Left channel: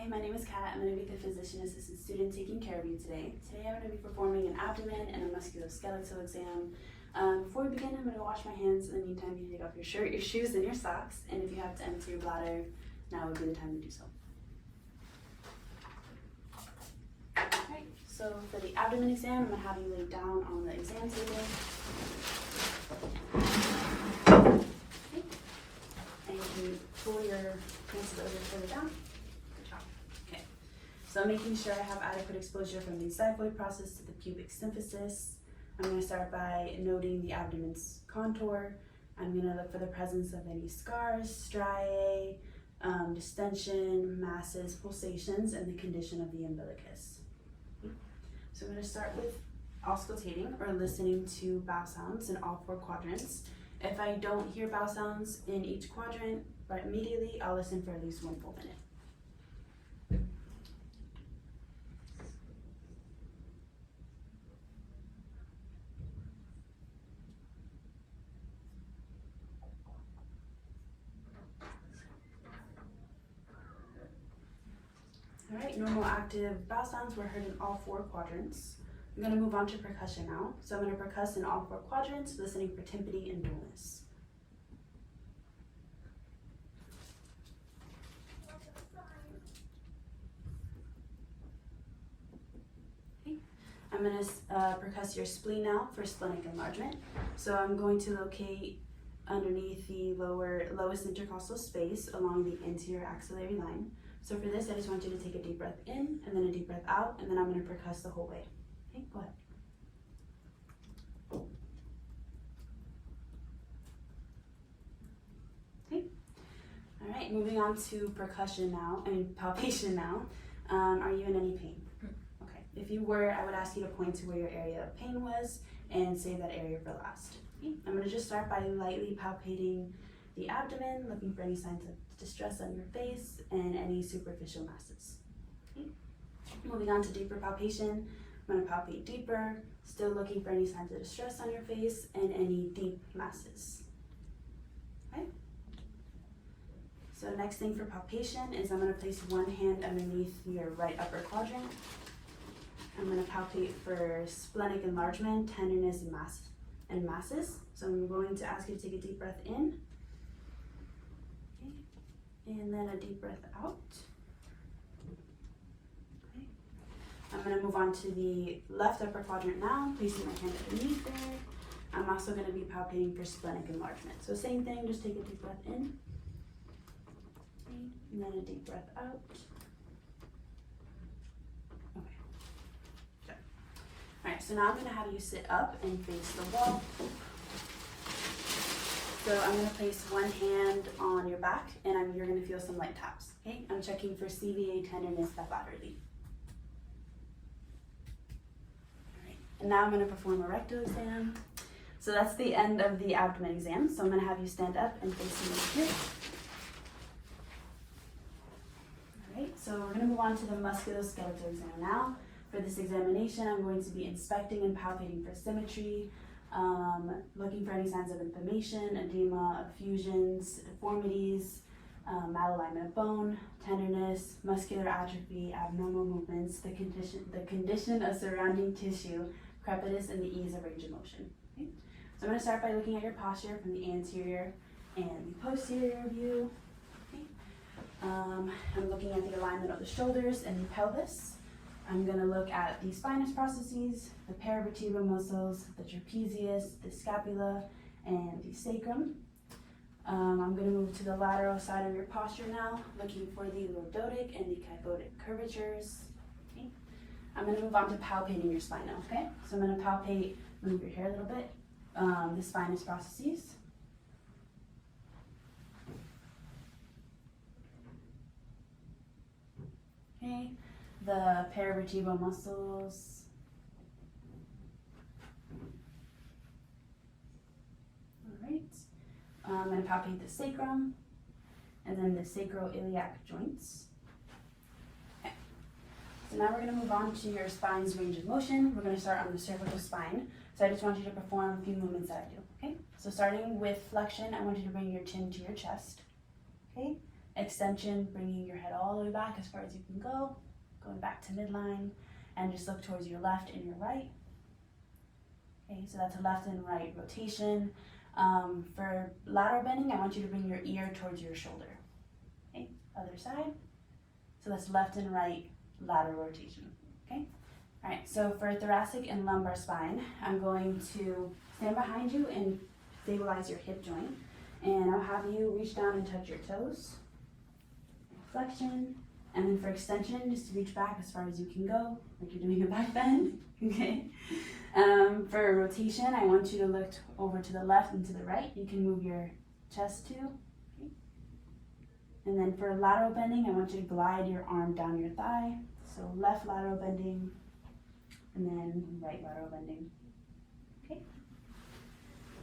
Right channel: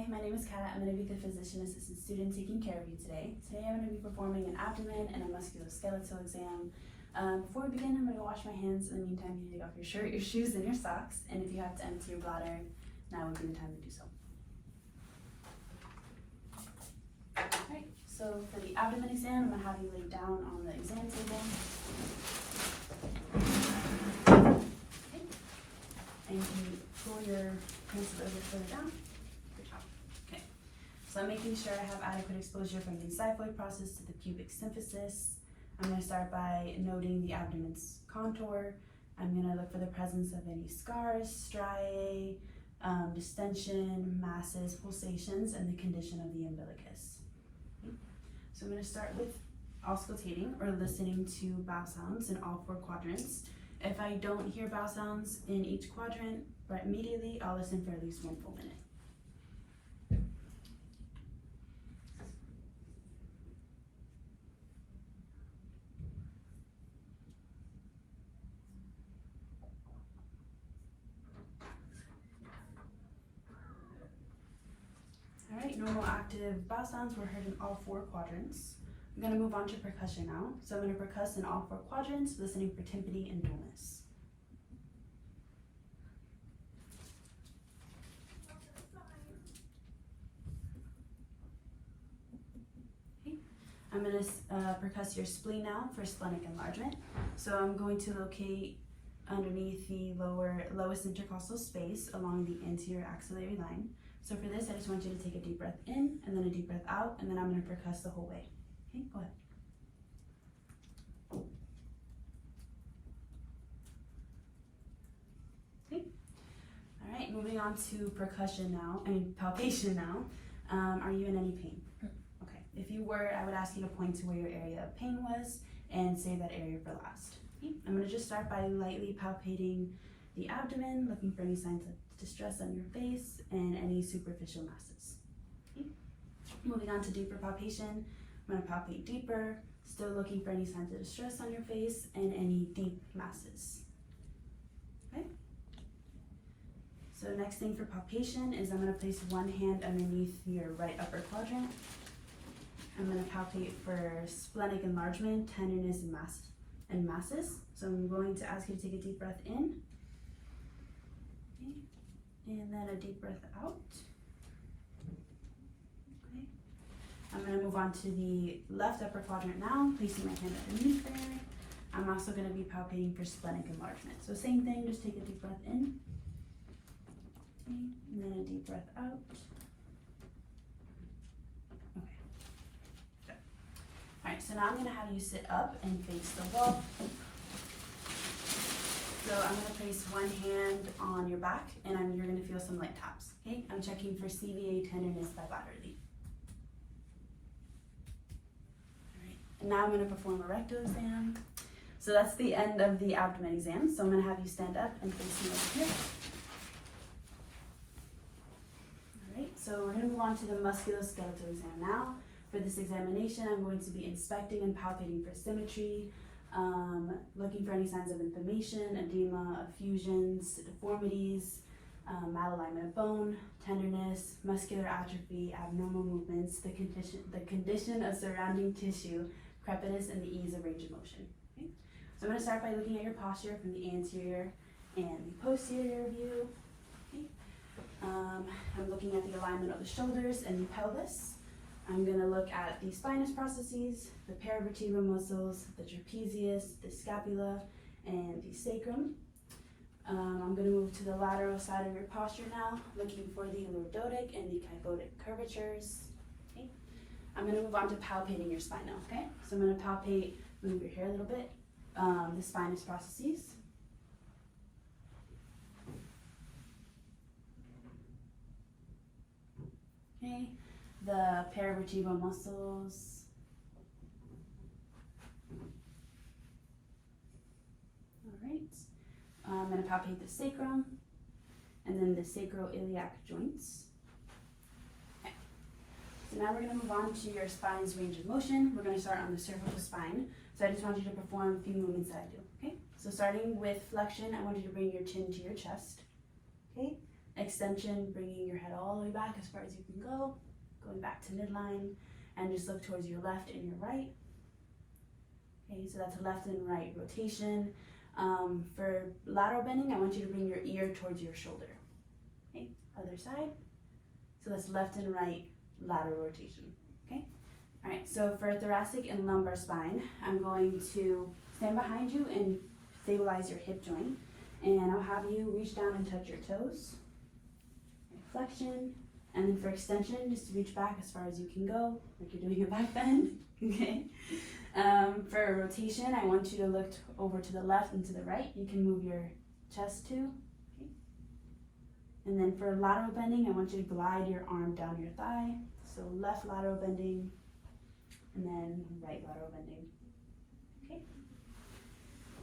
Hi, my name is Kat. I'm going to be the physician assistant student taking care of you today. Today I'm going to be performing an abdomen and a musculoskeletal exam. Before we begin, I'm going to wash my hands. In the meantime, you take off your shirt, your shoes, and your socks. And if you have to empty your bladder, now would be the time to do so. Alright, so for the abdomen exam, I'm going to have you lay down on the exam table. Okay. And you pull your hands further down. Okay, so I'm making sure I have adequate exposure from the xiphoid process to the pubic symphysis. I'm going to start by noting the abdomen's contour. I'm going to look for the presence of any scars, striae, distension, masses, pulsations, and the condition of the umbilicus. Okay. So I'm going to start with auscultating or listening to bowel sounds in all 4 quadrants. If I don't hear bowel sounds in each quadrant right immediately, I'll listen for at least 1 full minute. Alright, normal active bowel sounds were heard in all 4 quadrants. I'm going to move on to percussion now. So I'm going to percuss in all 4 quadrants, listening for tympany and dullness. Okay. I'm going to percuss your spleen now for splenic enlargement. So I'm going to locate underneath the lowest intercostal space along the anterior axillary line. So for this, I just want you to take a deep breath in and then a deep breath out, and then I'm going to percuss the whole way. Okay, go ahead. Okay. All right, moving on to palpation now. Are you in any pain? Okay. If you were, I would ask you to point to where your area of pain was and save that area for last. Okay. I'm going to just start by lightly palpating the abdomen, looking for any signs of distress on your face and any superficial masses. Okay. Moving on to deeper palpation, I'm going to palpate deeper, still looking for any signs of distress on your face and any deep masses. Okay. So next thing for palpation is I'm going to place one hand underneath your right upper quadrant. I'm going to palpate for splenic enlargement, tenderness, and masses. So I'm going to ask you to take a deep breath in. Okay. And then a deep breath out. Okay. I'm going to move on to the left upper quadrant now, placing my hand underneath there. I'm also going to be palpating for splenic enlargement. So same thing, just take a deep breath in. Okay. And then a deep breath out. Okay. Good. All right, so now I'm going to have you sit up and face the wall. So I'm going to place one hand on your back, and you're going to feel some light taps. Okay, I'm checking for CVA tenderness bilaterally. All right, and now I'm going to perform a rectal exam. So that's the end of the abdomen exam. So I'm going to have you stand up and face me over here. All right, so we're going to move on to the musculoskeletal exam now. For this examination, I'm going to be inspecting and palpating for symmetry, looking for any signs of inflammation, edema, effusions, deformities, malalignment of bone, tenderness, muscular atrophy, abnormal movements, the condition of surrounding tissue, crepitus, and the ease of range of motion. Okay? So I'm going to start by looking at your posture from the anterior and the posterior view. Okay? I'm looking at the alignment of the shoulders and the pelvis. I'm going to look at the spinous processes, the paravertebral muscles, the trapezius, the scapula, and the sacrum. I'm going to move to the lateral side of your posture now, looking for the lordotic and the kyphotic curvatures. Okay. I'm going to move on to palpating your spine now, okay? So I'm going to palpate, move your hair a little bit, the spinous processes. Okay. The paravertebral muscles. All right. I'm going to palpate the sacrum and then the sacroiliac joints. Okay. So now we're going to move on to your spine's range of motion. We're going to start on the cervical spine. So I just want you to perform a few movements that I do. Okay. So starting with flexion, I want you to bring your chin to your chest. Okay. Extension, bringing your head all the way back as far as you can go, going back to midline, and just look towards your left and your right. Okay, so that's a left and right rotation. For lateral bending, I want you to bring your ear towards your shoulder. Okay, other side. So that's left and right lateral rotation. Okay, all right, so for thoracic and lumbar spine, I'm going to stand behind you and stabilize your hip joint. And I'll have you reach down and touch your toes. Flexion. And then for extension, just to reach back as far as you can go, like you're doing a back bend. Okay. For rotation, I want you to look over to the left and to the right. You can move your chest too. Okay. And then for lateral bending, I want you to glide your arm down your thigh. So left lateral bending, and then right lateral bending. Okay.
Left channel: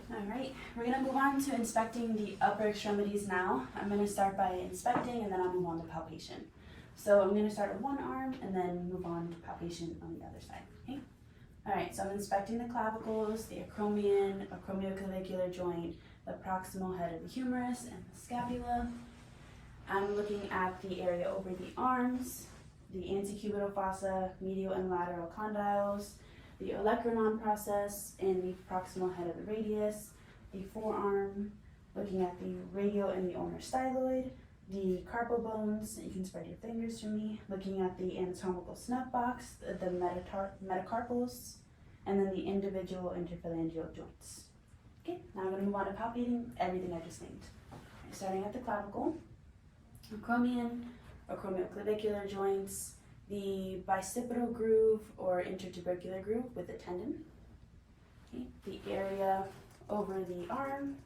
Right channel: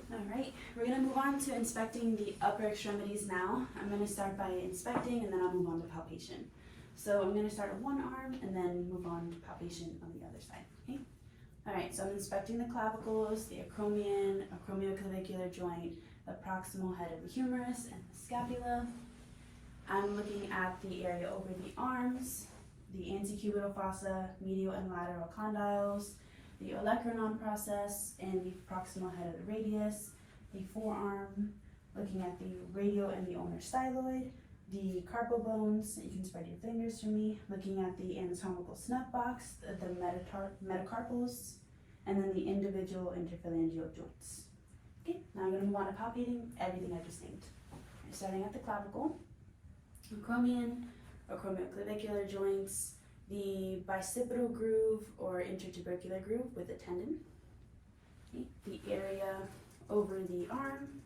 All right, we're gonna move on to inspecting the upper extremities now. I'm gonna start by inspecting, and then I'll move on to palpation. So I'm gonna start with one arm and then move on to palpation on the other side, okay? All right, so I'm inspecting the clavicles, the acromioclavicular joint, the proximal head of the humerus, and the scapula. I'm looking at the area over the arms, the antecubital fossa, medial and lateral condyles, the olecranon process, and the proximal head of the radius, the forearm, looking at the radial and the ulnar styloid, the carpal bones, you can spread your fingers for me, looking at the anatomical snuff box, the metacarpals, and then the individual interphalangeal joints. Okay, now I'm going to move on to palpating everything I just named. Okay, starting at the clavicle, acromioclavicular joints, the bicipital groove or intertubercular groove with the tendon, okay, the area over the arm,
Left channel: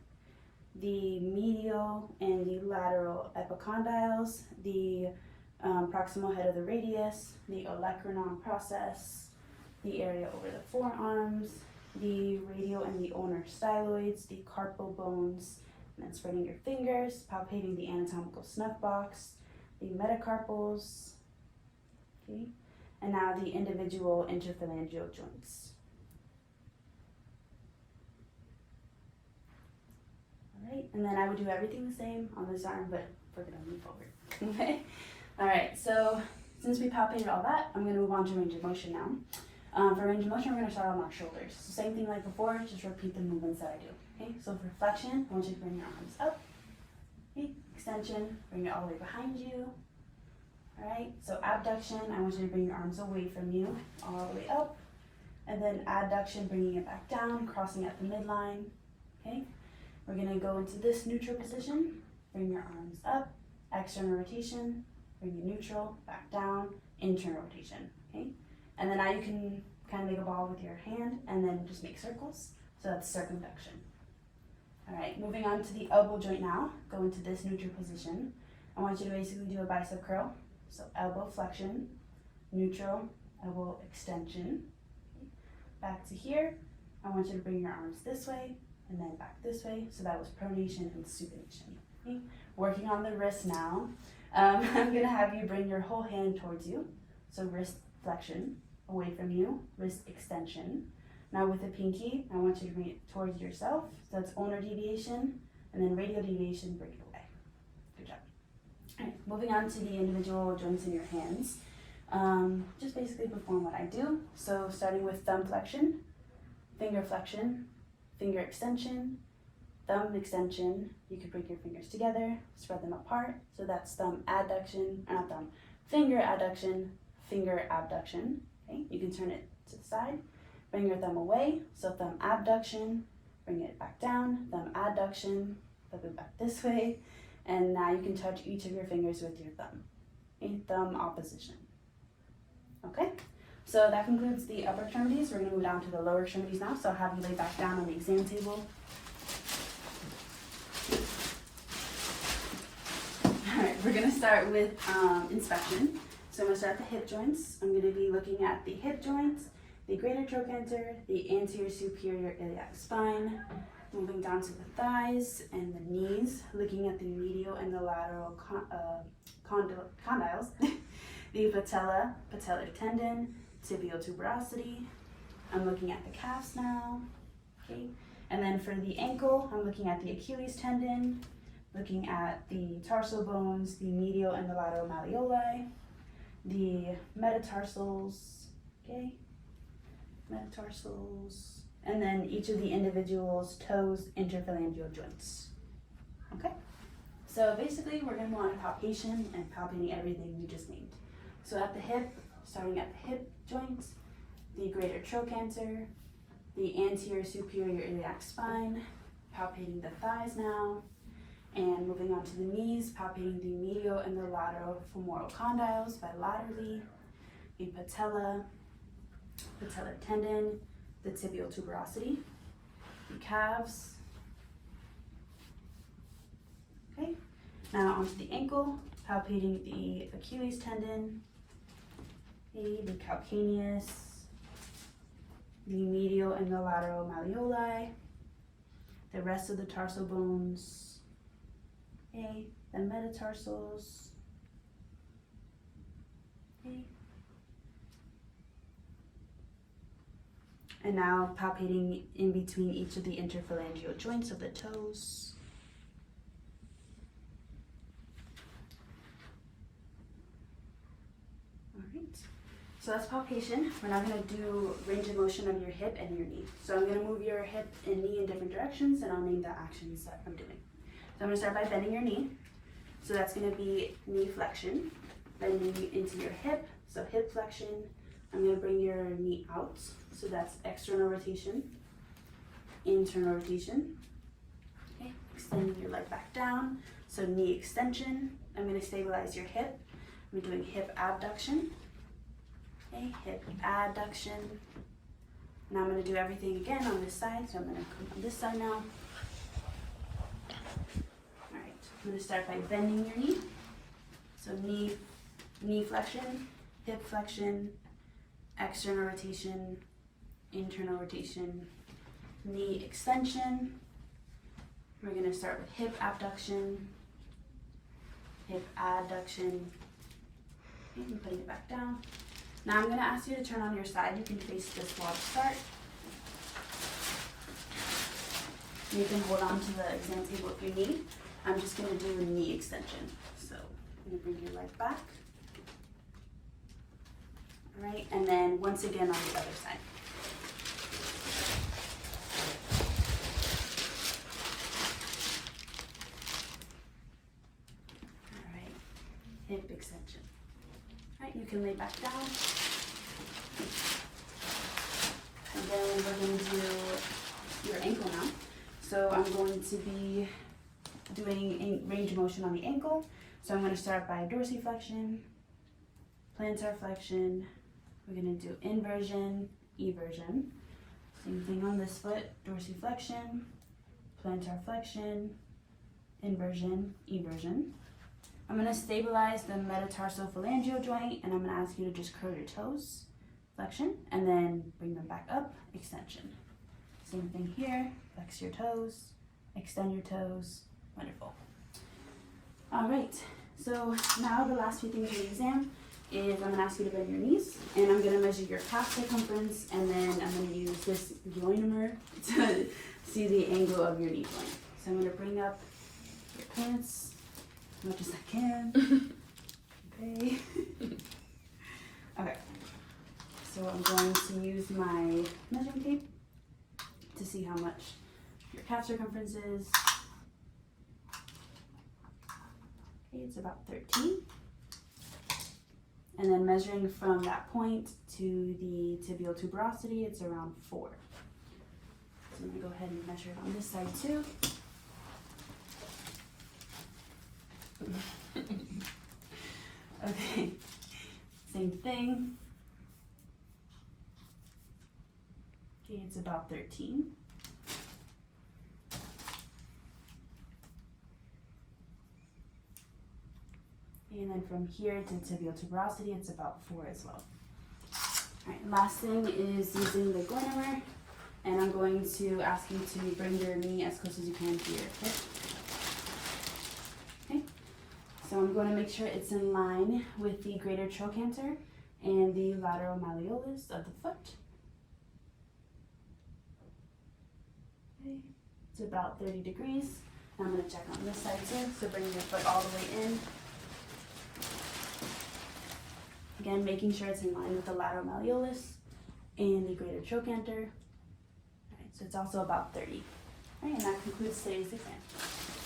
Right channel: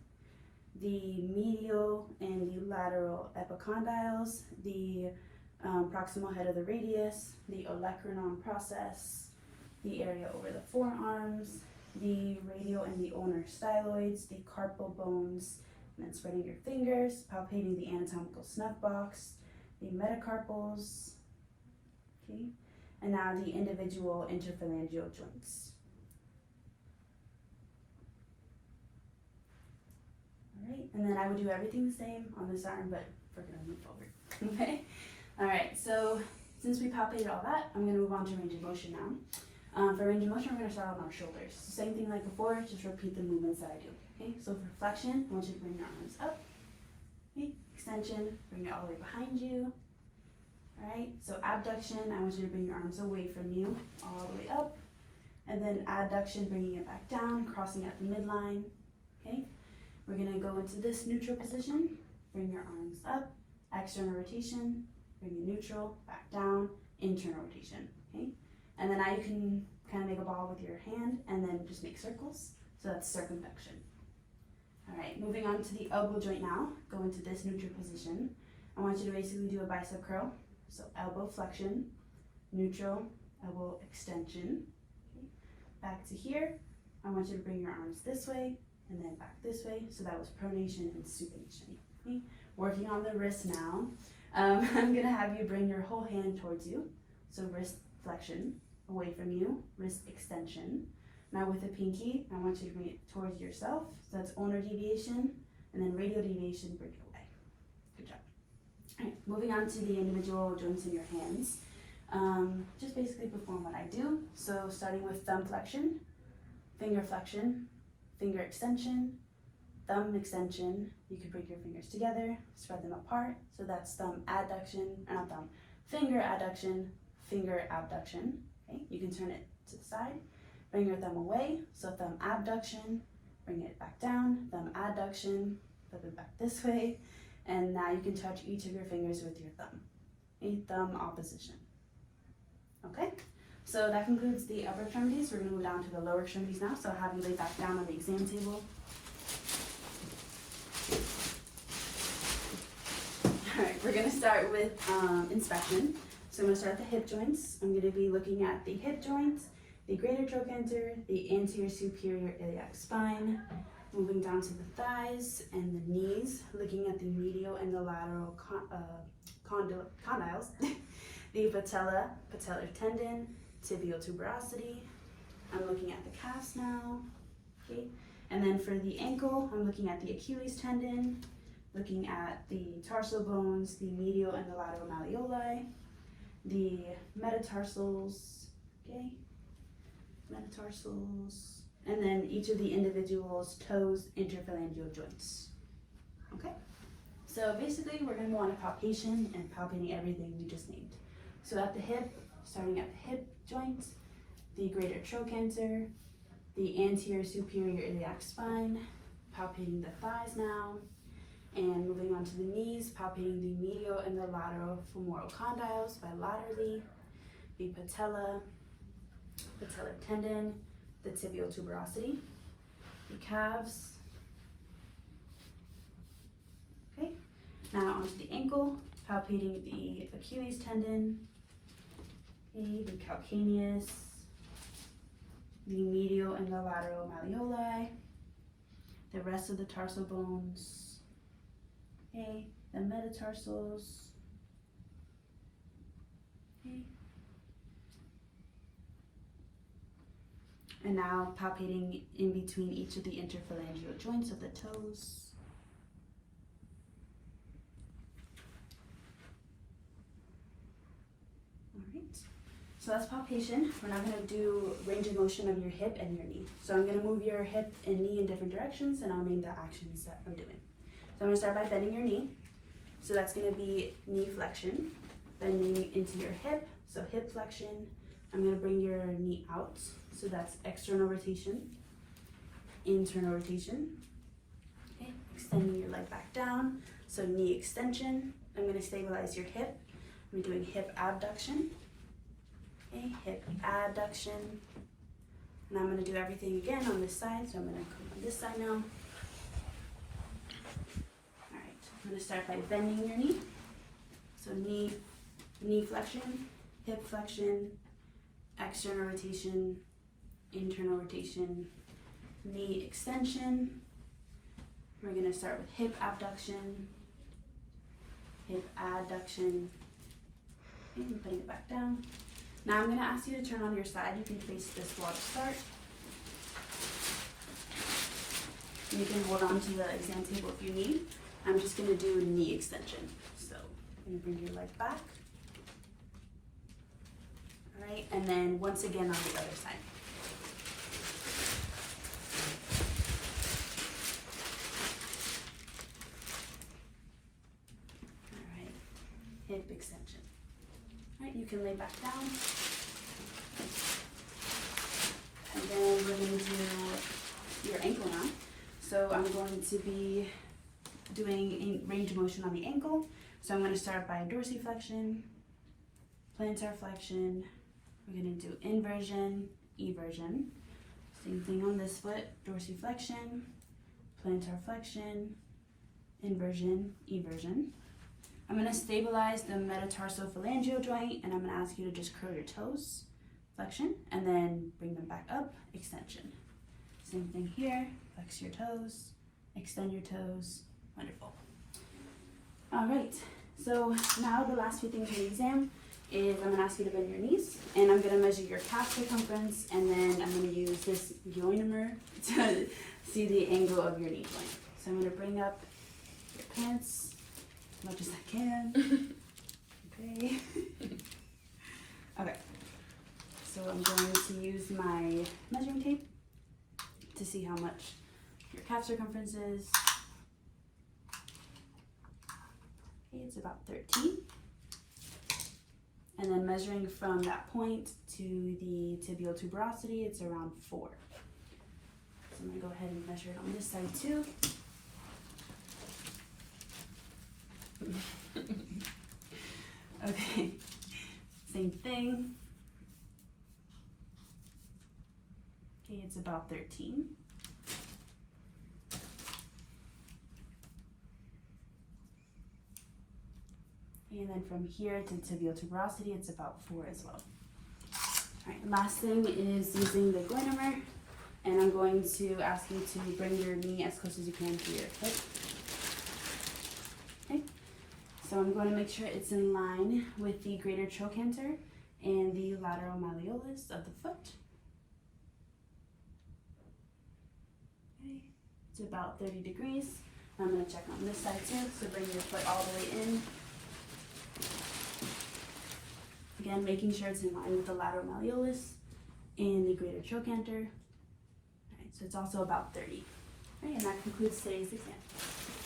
the medial and the lateral epicondyles, the proximal head of the radius, the olecranon process, the area over the forearms, the radial and the ulnar styloids, the carpal bones, and then spreading your fingers, palpating the anatomical snuff box, the metacarpals, okay, and now the individual interphalangeal joints. All right, and then I would do everything the same on this arm, but we're gonna move forward, okay? All right, so since we palpated all that, I'm gonna move on to range of motion now. For range of motion, we're gonna start on our shoulders. So same thing like before, just repeat the movements that I do, okay? So for flexion, I want you to bring your arms up, okay? Extension, bring it all the way behind you. All right, so abduction, I want you to bring your arms away from you, all the way up. And then adduction, bringing it back down, crossing at the midline, okay? We're gonna go into this neutral position, bring your arms up, external rotation, bring it neutral, back down, internal rotation, okay? And then now you can kind of make a ball with your hand and then just make circles. So that's circumflexion. All right, moving on to the elbow joint now, go into this neutral position. I want you to basically do a bicep curl. So elbow flexion, neutral, elbow extension. Okay. Back to here, I want you to bring your arms this way and then back this way. So that was pronation and supination. Okay. Working on the wrist now. I'm gonna have you bring your whole hand towards you. So wrist flexion, away from you, wrist extension. Now with the pinky, I want you to bring it towards yourself. So that's ulnar deviation, and then radial deviation, bring it away. Good job. All right, moving on to the individual joints in your hands. Just basically perform what I do. So starting with thumb flexion, finger flexion, finger extension, thumb extension. You can bring your fingers together, spread them apart. So that's thumb adduction, not thumb, finger adduction, finger abduction. Okay, you can turn it to the side. Bring your thumb away. So thumb abduction, bring it back down, thumb adduction, flip it back this way. And now you can touch each of your fingers with your thumb. A thumb opposition. Okay, so that concludes the upper extremities. We're going to move down to the lower extremities now. So I'll have you lay back down on the exam table. All right, we're going to start with inspection. So I'm going to start at the hip joints. I'm going to be looking at the hip joints, the greater trochanter, the anterior superior iliac spine, moving down to the thighs and the knees, looking at the medial and the lateral condyles, the patella, patellar tendon, tibial tuberosity. I'm looking at the calves now, okay? And then for the ankle, I'm looking at the Achilles tendon, looking at the tarsal bones, the medial and the lateral malleoli, the metatarsals, okay, metatarsals, and then each of the individual's toes, interphalangeal joints, okay? So basically, we're going to go on to palpation and palpating everything we just named. So at the hip, starting at the hip joint, the greater trochanter, the anterior superior iliac spine, palpating the thighs now, and moving on to the knees, palpating the medial and the lateral femoral condyles bilaterally, the patella, patellar tendon, the tibial tuberosity, the calves. Okay, now onto the ankle, palpating the Achilles tendon, okay, the calcaneus, the medial and the lateral malleoli, the rest of the tarsal bones, okay, the metatarsals, okay. And now palpating in between each of the interphalangeal joints of the toes. All right, so that's palpation. We're now gonna do range of motion of your hip and your knee. So I'm gonna move your hip and knee in different directions, and I'll name the actions that I'm doing. So I'm gonna start by bending your knee. So that's gonna be knee flexion, bending into your hip, so hip flexion. I'm gonna bring your knee out. So that's external rotation, internal rotation. Okay, extending your leg back down. So knee extension. I'm going to stabilize your hip. I'm doing hip abduction. Okay, hip adduction. Now I'm going to do everything again on this side. So I'm going to come on this side now. All right, I'm going to start by bending your knee. So knee flexion, hip flexion, external rotation, internal rotation, knee extension. We're going to start with hip abduction, hip adduction, and putting it back down. Now I'm going to ask you to turn on your side. You can face this wall to start. You can hold on to the exam table if you need. I'm just going to do knee extension. So I'm going to bring your leg back. All right, and then once again on the other side. Hip extension. All right, you can lay back down. And then we're going to do your ankle now. So I'm going to be doing range of motion on the ankle. So I'm going to start by dorsiflexion, plantar flexion. We're going to do inversion, eversion. Same thing on this foot, dorsiflexion, plantar flexion, inversion, eversion. I'm going to stabilize the metatarsophalangeal joint, and I'm going to ask you to just curl your toes, flexion, and then bring them back up, extension. Same thing here, flex your toes, extend your toes, wonderful. All right, so now the last few things for the exam is I'm going to ask you to bend your knees, and I'm going to measure your calf circumference, and then I'm going to use this joinomer to see the angle of your knee joint. So I'm going to bring up your pants as much as I can. Okay. Okay. So I'm going to use my measuring tape to see how much your calf circumference is. Okay, it's about 13. And then measuring from that point to the tibial tuberosity, it's around 4. So I'm going to go ahead and measure it on this side too. Okay, same thing. Okay, it's about 13. And then from here to tibial tuberosity, it's about 4 as well. All right, last thing is using the joinomer, and I'm going to ask you to bring your knee as close as you can to your hip. Okay, so I'm going to make sure it's in line with the greater trochanter and the lateral malleolus of the foot. Okay, it's about 30 degrees. And I'm going to check on this side too. So bring your foot all the way in. Again, making sure it's in line with the lateral malleolus and the greater trochanter. All right, so it's also about 30. All right, and that concludes today's exam.